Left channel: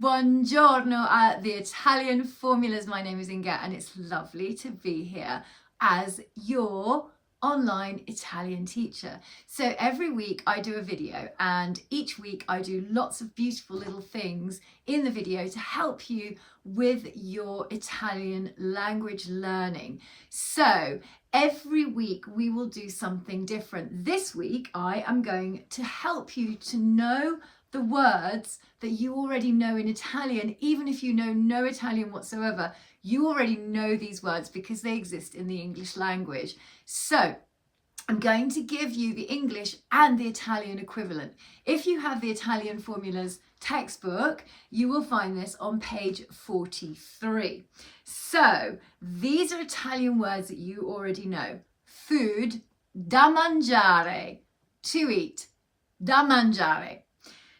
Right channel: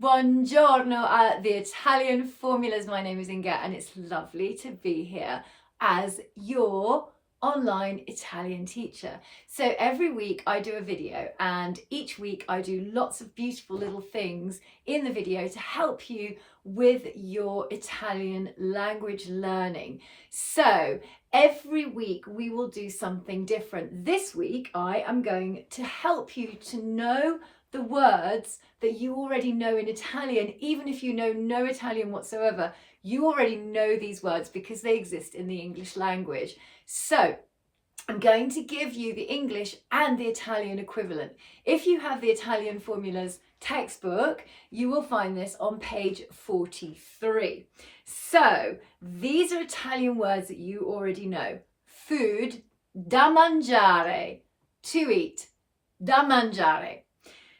Buongiorno at the Italian Formulas. My name is Inga and it's lovely to be here as your online Italian teacher. So every week I do a video and each week I do lots of beautiful little things in the video to help you with your Italian language learning. So every week we will do something different. This week I am going to help you to know the words that you already know in Italian. Even if you know no Italian whatsoever, you already know these words because they exist in the English language. So I'm going to give you the English and the Italian equivalent. If you have the Italian Formulas textbook, you will find this on page 43. So these are Italian words that you already know. Food, da mangiare, to eat, da mangiare.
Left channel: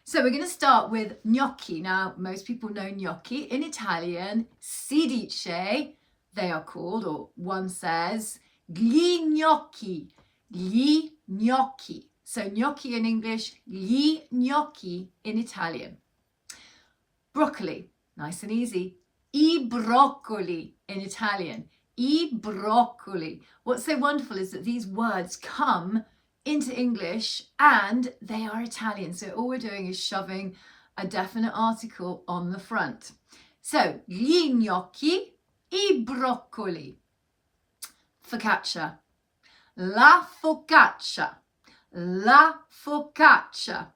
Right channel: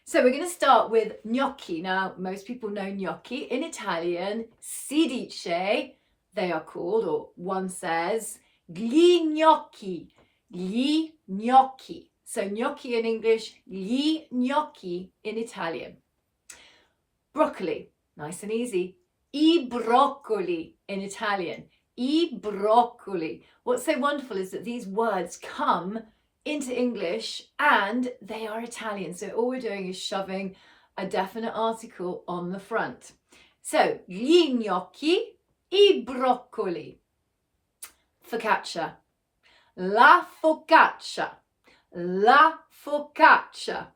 So we're going to start with gnocchi. Now, most people know gnocchi. In Italian, si dice, they are called, or one says, gli gnocchi, gli gnocchi. So gnocchi in English, gli gnocchi in Italian. Broccoli, nice and easy. I broccoli in Italian, I broccoli. What's so wonderful is that these words come into English and they are Italian. So all we're doing is shoving a definite article on the front. So, gli gnocchi, I broccoli. Focaccia, la focaccia, la focaccia.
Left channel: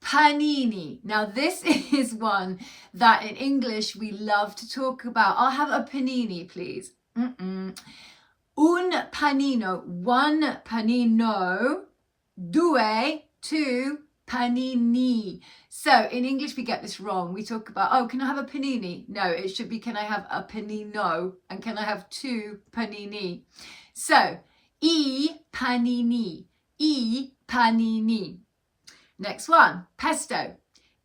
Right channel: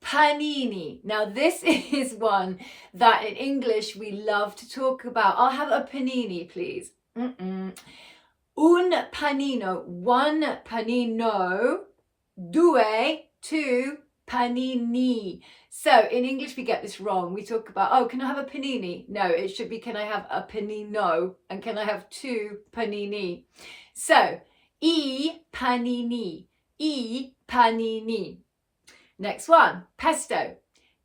Panini. Now this is one that in English we love to talk about. I'll have a panini, please. Un panino, one panino, due, two panini. So in English we get this wrong. We talk about, oh, can I have a panini? No, it should be, can I have a panino? And can I have two panini? So, I panini, I panini. Next one, pesto,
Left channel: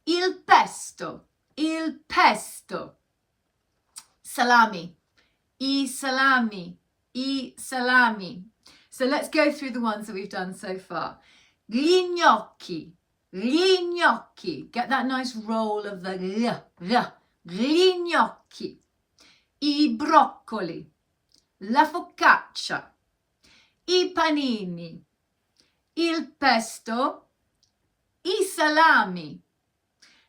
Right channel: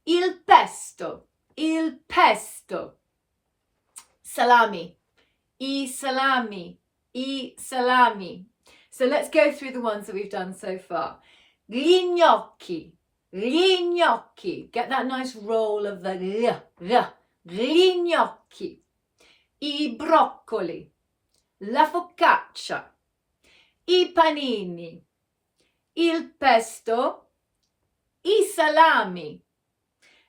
il pesto, il pesto. Salami, I salami, I salami. So let's go through the ones that we've done so far. Gli gnocchi, gli gnocchi. Get that nice roll of the l. Gli gnocchi. I broccoli, la focaccia, I panini, il pesto, I salami.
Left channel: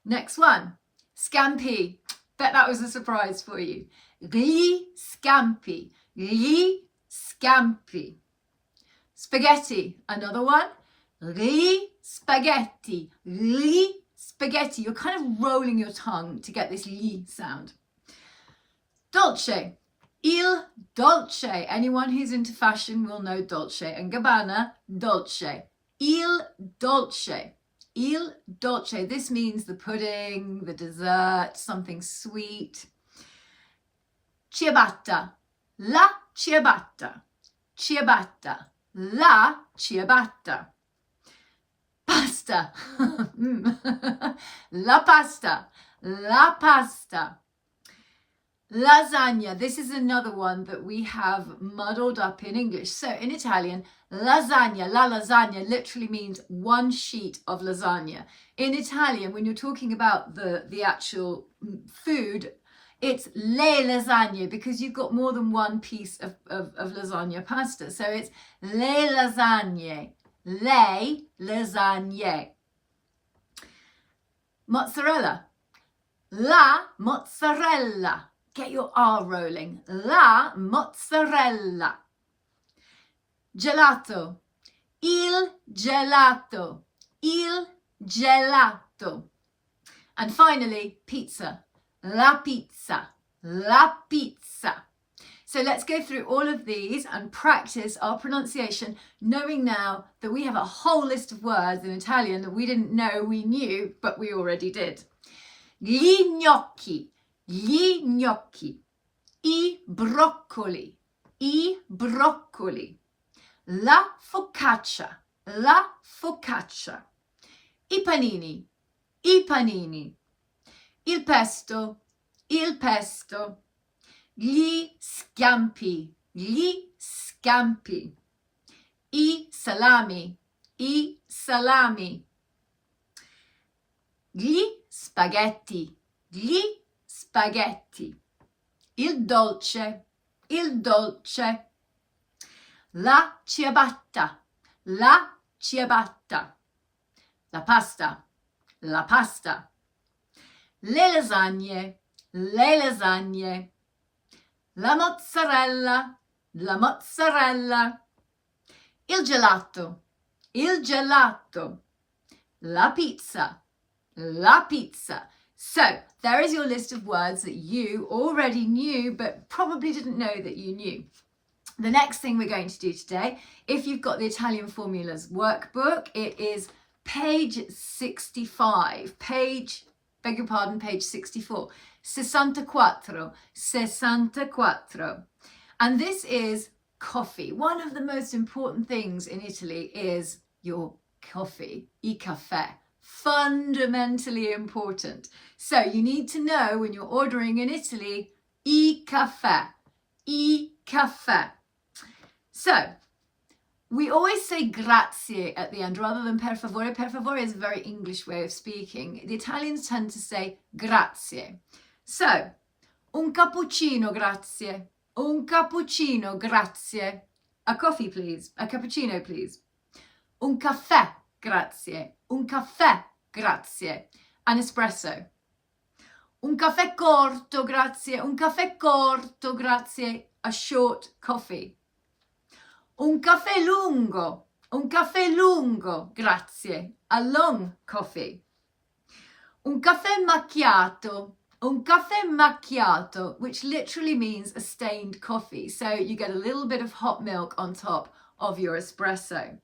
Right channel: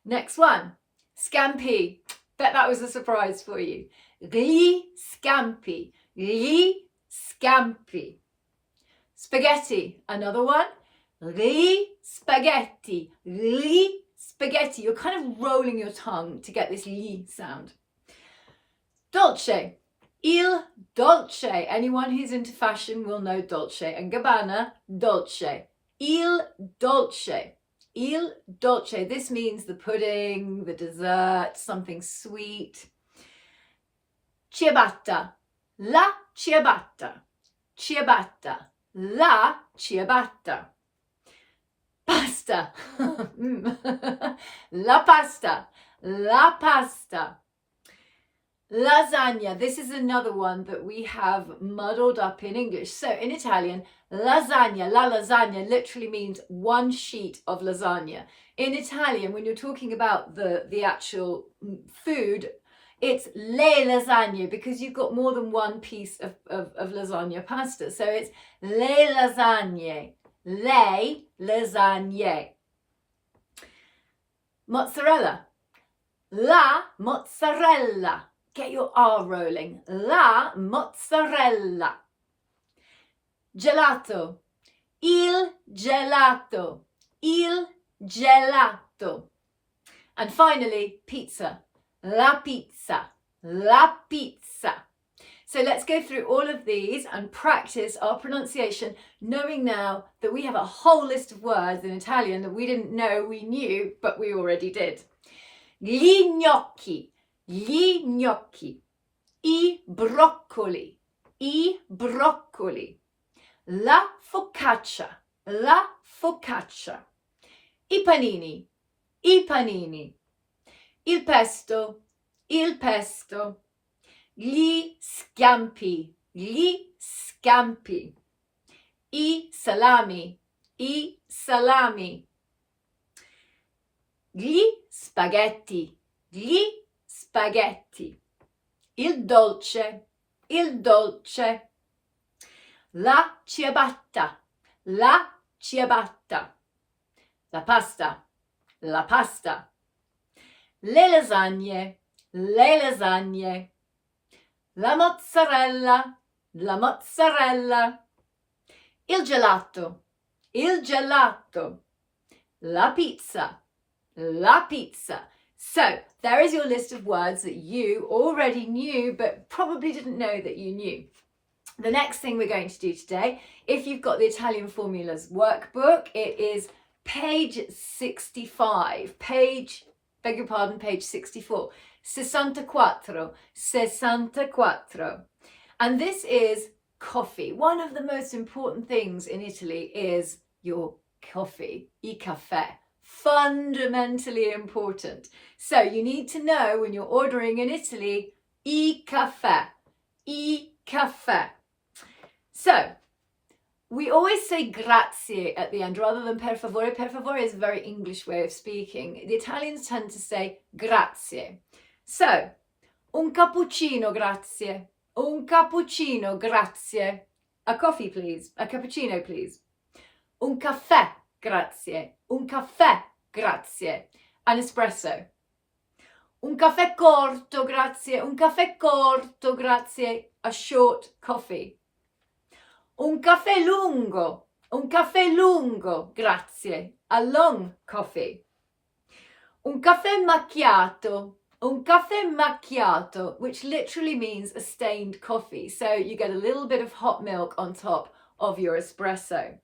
Next one, scampi. Bet that was a surprise for you. Gli scampi, gli scampi. Spaghetti, another one. Gli spaghetti, gli spaghetti. You're kind of rolling your tongue to get this li sound. Dolce, il dolce. Anyone who's into fashion will know Dolce and Gabbana, dolce. Il dolce, il dolce. This means the pudding, the dessert, something sweet. Ciabatta, la ciabatta, ciabatta, la ciabatta. Pasta, la pasta, la pasta. Lasagna, this is another one that we have muddled up in English. So in Italian, lasagna, la lasagna literally means one sheet of lasagna. In Italian, when you're talking about the actual food, it's le lasagne because you've got more than one piece of lasagna pasta. So it's le lasagne, le lasagne. Mozzarella, la mozzarella. Get your R rolling. La mozzarella. Gelato, il gelato, il gelato. And finally, pizza, la pizza, la pizza. So let's go through all of these and practice our pronunciation, knowing now that we have a whole list of words in Italian that we didn't know we knew, but we already did. Gli gnocchi, gli gnocchi. I broccoli, I broccoli. La focaccia, la focaccia. I panini, I panini. Il pesto, il pesto. Gli scampi, gli scampi. I salami, i salami. Gli spaghetti, gli spaghetti. Il dolce, il dolce. La ciabatta, la ciabatta. La pasta, la pasta. Le lasagne, le lasagne. La mozzarella, la mozzarella. Il gelato, il gelato. La pizza, la pizza. So there is your list of words that you already knew but probably didn't know that you knew. The next thing we're going to do today, if you've got the Italian Formulas workbook, it is page 65. Beg your pardon, page 64. 64. 64. And this is coffee. One of the most important things in Italy is your coffee, il caffè. Fundamentally important. So you need to know when you're ordering in Italy, il caffè, il caffè. So we always say grazie at the end rather than per favore. Per favore is a very English way of speaking. The Italians tend to say grazie. So, un cappuccino, grazie. Un cappuccino, grazie. A coffee, please. A cappuccino, please. Un caffè, grazie. Un caffè, grazie. An espresso. Un caffè corto, grazie. Un caffè corto, grazie. A short coffee. Un caffè lungo, grazie. A long coffee. Un caffè macchiato, which literally means a stained coffee. So you get a little bit of hot milk on top of your espresso.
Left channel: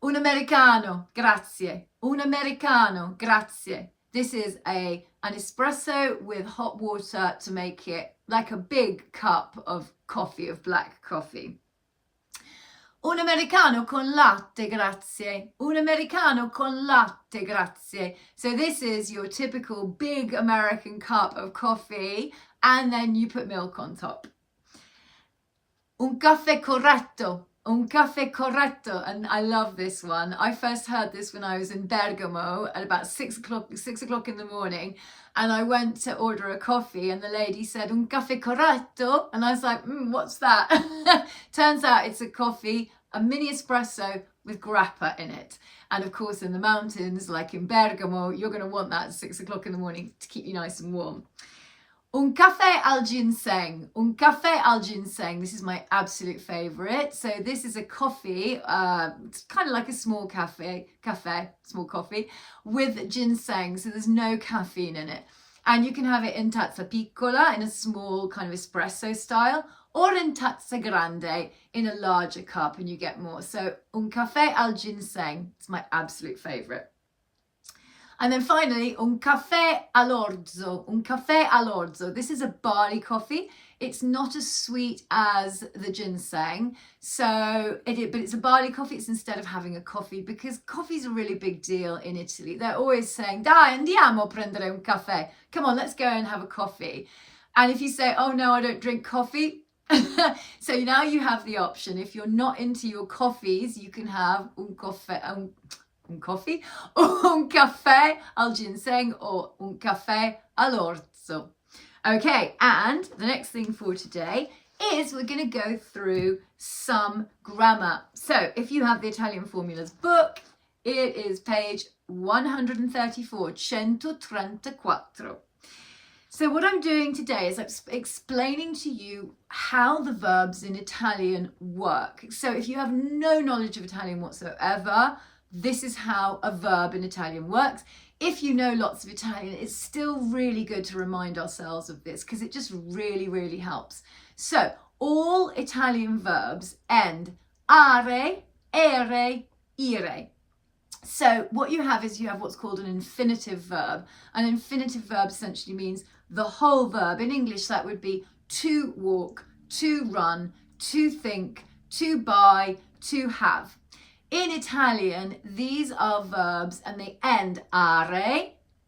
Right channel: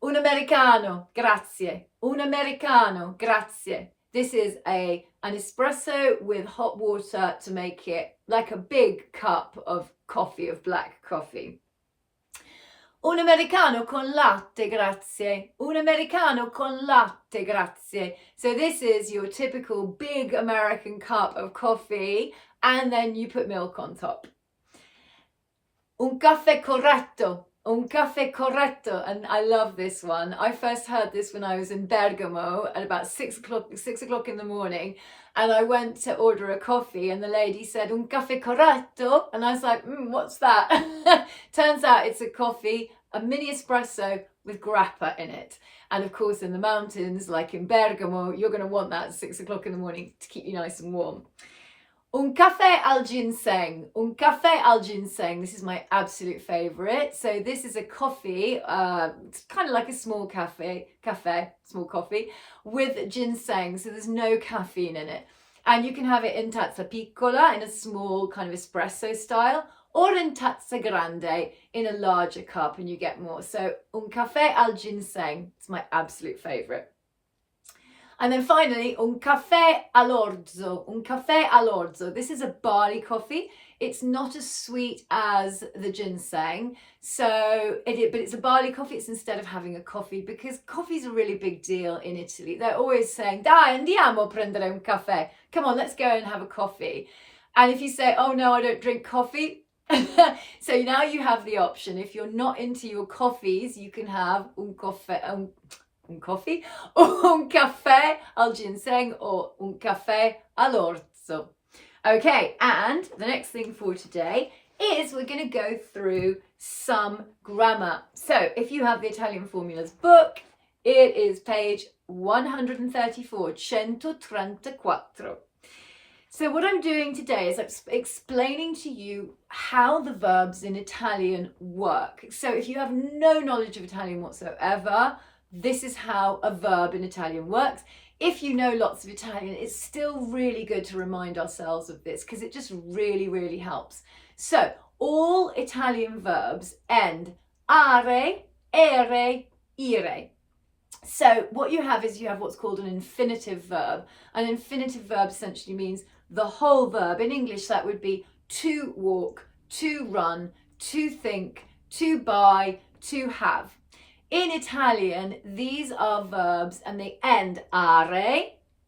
Un americano, grazie. Un americano, grazie. This is an espresso with hot water to make it like a big cup of coffee, of black coffee. Un americano con latte, grazie. Un americano con latte, grazie. So this is your typical big American cup of coffee, and then you put milk on top. Un caffè corretto. Un caffè corretto, and I love this one. I first heard this when I was in Bergamo at about 6 o'clock in the morning, and I went to order a coffee and the lady said, un caffè corretto? And I was like, what's that? Turns out it's a coffee, a mini espresso with grappa in it. And of course in the mountains, like in Bergamo, you're going to want that at 6 o'clock in the morning to keep you nice and warm. Un caffè al ginseng. Un caffè al ginseng. This is my absolute favorite. So this is a coffee, it's kind of like a small small coffee with ginseng. So there's no caffeine in it. And you can have it in tazza piccola, in a small kind of espresso style, or in tazza grande, in a larger cup, and you get more. So un caffè al ginseng. It's my absolute favorite. And then finally, un caffè all'orzo. Un caffè all'orzo. This is a barley coffee. It's not as sweet as the ginseng, but it's a barley coffee. It's instead of having a coffee, because coffee's a really big deal in Italy. They're always saying, dai, andiamo a prendere un caffè. Come on, let's go and have a coffee. And if you say, oh no, I don't drink coffee, so now you have the option. If you're not into your coffees, you can have un caffè al ginseng or un caffè all'orzo. Okay, and the next thing for today is we're going to go through some grammar. So if you have the Italian Formulas book, it is page 134, 134. So what I'm doing today is I'm explaining to you how the verbs in Italian work. So if you have no knowledge of Italian whatsoever, this is how a verb in Italian works. If you know lots of Italian, it's still really good to remind ourselves of this because it just really, really helps. So all Italian verbs end are, ere, ire. So what you have is you have what's called an infinitive verb. An infinitive verb essentially means the whole verb. In English, that would be to walk, to run, to think, to buy, to have. In Italian, these are verbs and they end are,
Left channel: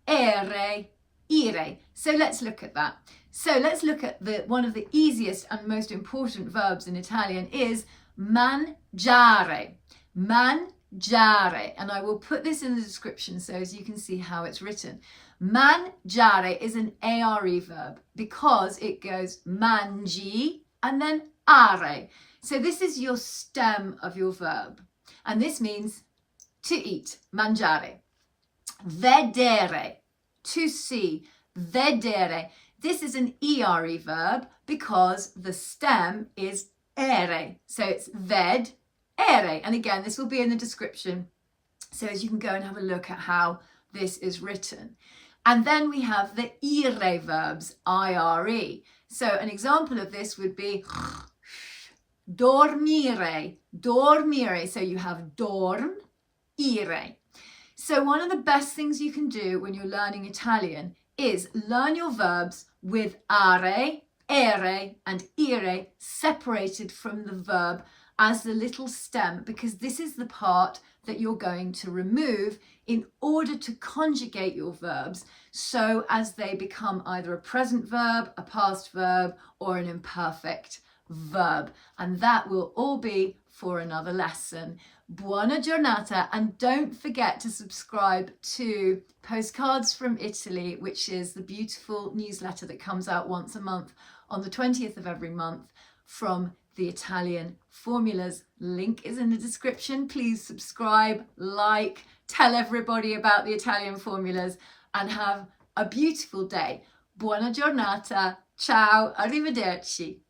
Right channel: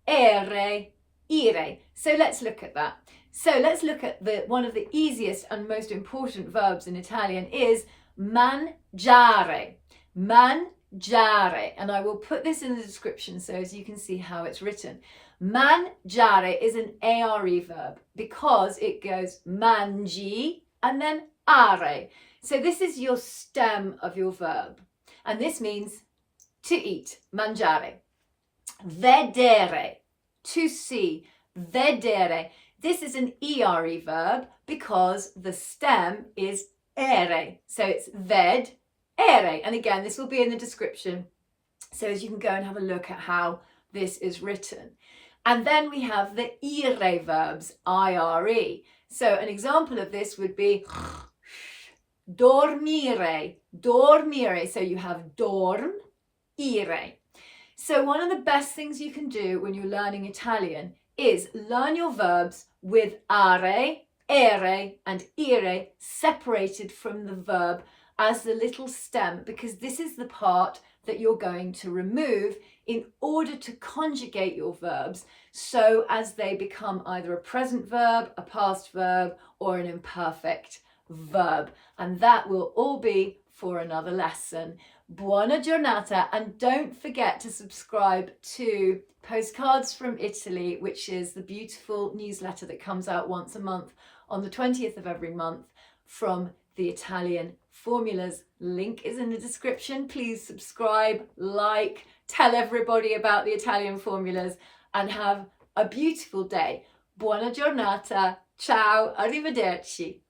ere, ire. So let's look at that. So let's look at one of the easiest and most important verbs in Italian is mangiare. Mangiare. mangiare, and I will put this in the description so as you can see how it's written. Mangiare is an are verb because it goes mangi and then are. So this is your stem of your verb, and this means to eat, mangiare. Vedere, to see, vedere. This is an ere verb because the stem is ere. So it's ved-ere. And again, this will be in the description so as you can go and have a look at how this is written. And then we have the ire verbs, ire. So an example of this would be dorm-ire, dorm-ire. So you have dorm, ire. So one of the best things you can do when you're learning Italian is learn your verbs with are, ere and ire separated from the verb as the little stem, because this is the part that you're going to remove in order to conjugate your verbs so as they become either a present verb, a past verb, or an imperfect verb. And that will all be for another lesson. Buona giornata, and don't forget to subscribe to Postcards from Italy, which is the beautiful newsletter that comes out once a month on the 20th of every month from the Italian formulas. Link is in the description. Please subscribe, like, tell everybody about the Italian formulas, and have a beautiful day. Buona giornata. Ciao, arrivederci.